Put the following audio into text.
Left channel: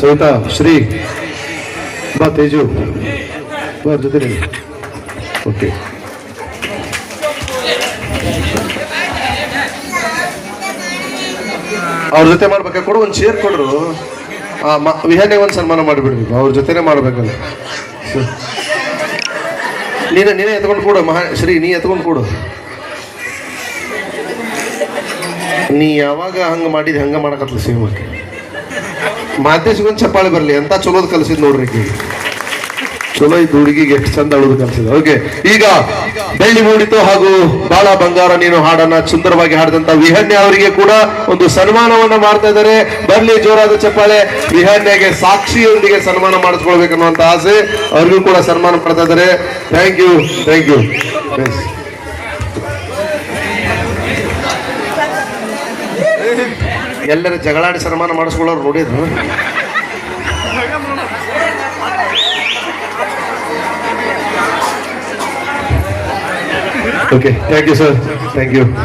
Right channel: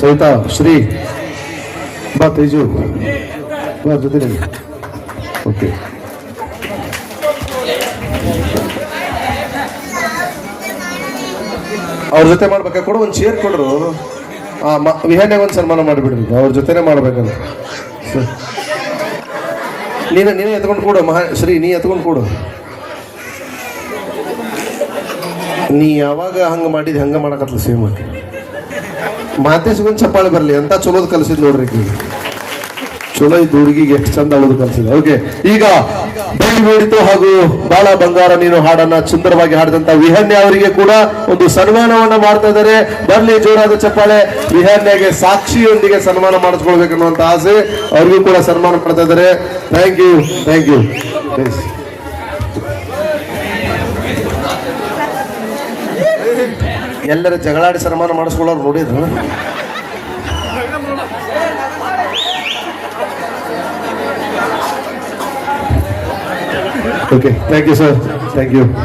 ಸವಿತಾ ಶ್ರೀ ಬಾ ತೇಜು ಅವ್ರ ಜೊತೆ ಓಕೆ. ಅವ್ರ ಜೊತೆ ಮಾಡ್ಬೇಕಾ ಕೊಡು, ಒಂದು ಚೇರ್ ಕೊಡ್ರು. ವಿಹಾನ್ಯಾಗ ಒಂದು ಸನ್ಮಾನ ಮಾಡಿಬಿಡ್ರಿ, ಅವ್ರ ಜೊತೆನೆ ಮಾಡ್ಬೇಕಲ್ಲ. ನೀನೇ ಎತ್ಕೊಂಡು ಕೊಡು ಶ್ರೀ, ನೀ ಎತ್ಕೊಂಡು ಕೊಡು. ನೀ ಯಾವಾಗ ಹಂಗೆ ಮಾಡಿದ್ ಹಂಗೆ ಮಾಡಕತ್ಲ ಸೇಮ್ ಮಾತೇಶ್ಗೊಂದು ಚಪ್ಪಾಳೆ ಬರಲಿ ಅಂತ ಚಲೋದ್ ಕಲ್ಸಿದ್ ನೋಡ್ರಿ. ಚಲೋ ಇದ್ದು ಹುಡುಗಿಗೆ ಎಷ್ಟು ಚಂದ ಅಳೋದು ಕಲ್ಸಿದ. ಓಕೆ, ಈಗ ಬೆಳ್ಳಿ ಮೂಡಿತು ಹಾಗೂ ಬಾಳ ಬಂಗಾರ ನೀನು ಹಾಡನ್ನ ಸುಂದರವಾಗಿ ಹಾಡಿದಂತ ವಿಹಾನ್ಯ ಅವರಿಗೆ ಕೂಡ ಒಂದು ಸನ್ಮಾನವನ್ನ ಮಾಡ್ತಾ ಇದ್ದಾರೆ. ಬರ್ಲಿ ಜೋರಾದ ಚಪ್ಪಾಳೆ. ವಿಹಾನ್ಯಗೆ ಸಾಕ್ಷಿಯೊಂದಿಗೆ ಸನ್ಮಾನ ಮಾಡಿಸ್ಕೊಳ್ಬೇಕನ್ನುವಂತ ಆಸೆ, ಅವ್ರಿಗೂ ಕೂಡ ಸನ್ಮಾನ ಮಾಡ್ತಾ ಇದ್ದಾರೆ. Thank you, thank you. ಎಲ್ಲರ ಜಗಳಾಡಿ ಸನ್ಮಾನ ಮಾಡಿಸ್ಕೊಳ್ಳೋರು ನೋಡಿದ್ರು. Okay, thank you sir, thank you.